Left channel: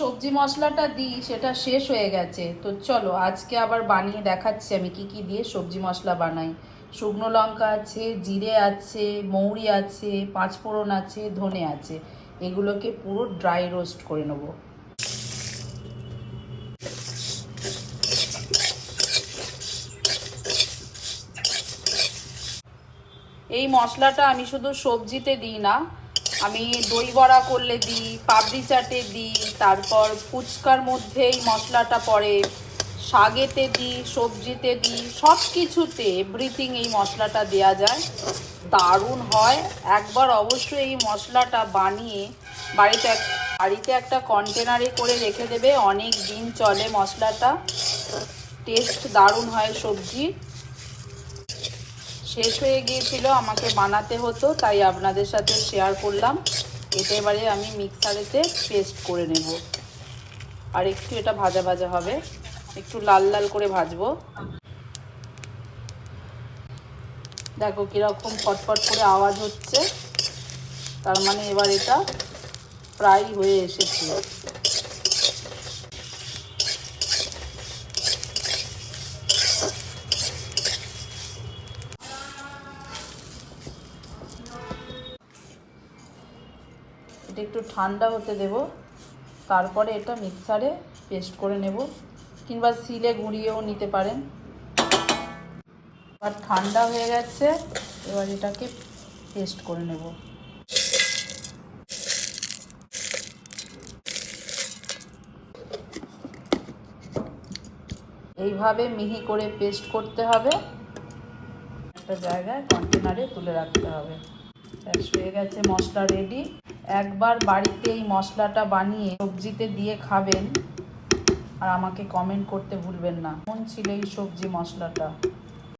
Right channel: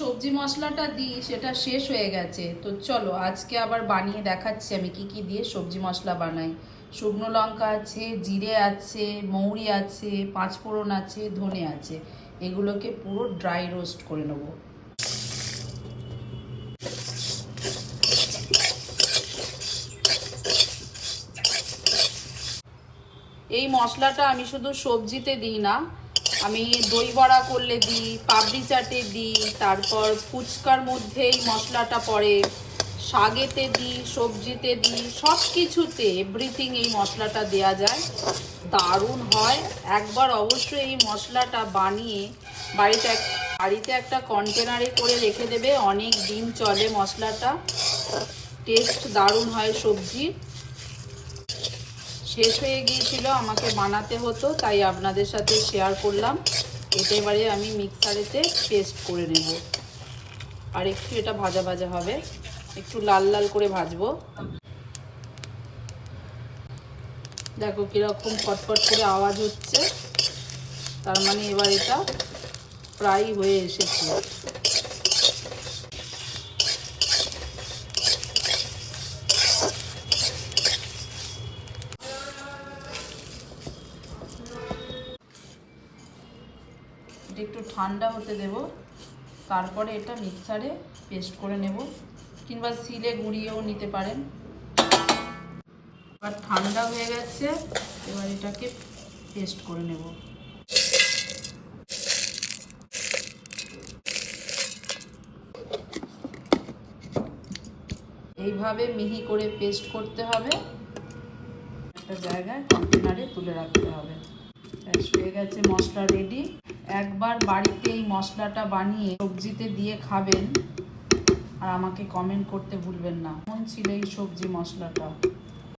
সবজি মশলাটা দিই সেটা শেষ হয়ে গেছে। তো চলো আজকে আবার বানিয়ে দেখাচ্ছি আমি কি কি দিয়ে সবজি মশলা বানাই। শুকনো লঙ্কা আছে, জিরে আছে, মৌরি আছে, পাঁচফোড়ন আছে, ধনে আছে। এগুলোকে পুরো ড্রাই রোস্ট করে নেবো। এই মশলাটা আমি শুধু সবজিতে দিই না, আমি দই বড়া করলে দিই, পাপড়ি চাটে দিই, তারপর ফুচকার মধ্যে এই মশলাটা পড়ে, শাকেতে দিই, সবজিতে দিই, সব কিছুতে এভরিথিং এই মশলাটা দেয়া যায়। দারুণ হয়। একবার অবশ্যই এই মশলাটা বানিয়ে বাড়িতে একটা কন্টেনারে করে রেখে দেবে, অনেক দিন চলে মশলাটা। টেস্ট দারুণ হয় সবজি। শেষ হয়ে গিয়েছিল, আমাকে বানাতে হতো, তাই আপনাদের সাথে শেয়ার করলাম। এটা এবারে আমি মিক্সারেতে পেস্ট করে নেব। আর একটু এটা ভাজা ভাজা হবে, একটু লাল লাল করে ভাজবো। দেখো কীরকম ফটফট করে আওয়াজ হচ্ছে, তার মানে এবার এটা প্রায় হয়ে এসেছে। এটা একটু ঠান্ডা হতে দেব, তারপরে এটা মিক্সারে পেস্ট করে নেব, কিংবা শিলে গুঁড়িয়েও নিতে পারেন। আর ঠান্ডা হয়ে গেছে, এবার এটাকে পেস্ট করে নেব। এইভাবে মিহি করে পেস্ট করতে হবে, একটা জায়গায় কন্টেনারে তুলে রাখতে হবে। ব্যাস হয়ে গেছে, মশলা রেডি। একবার বাড়িতে এই মশলাটা বানিয়ে সবজিতে দিয়ে খাবেন আর আমাকে কমেন্ট করতে ভুলবেন না কেমন ছিল এই সবজি মশলাটা।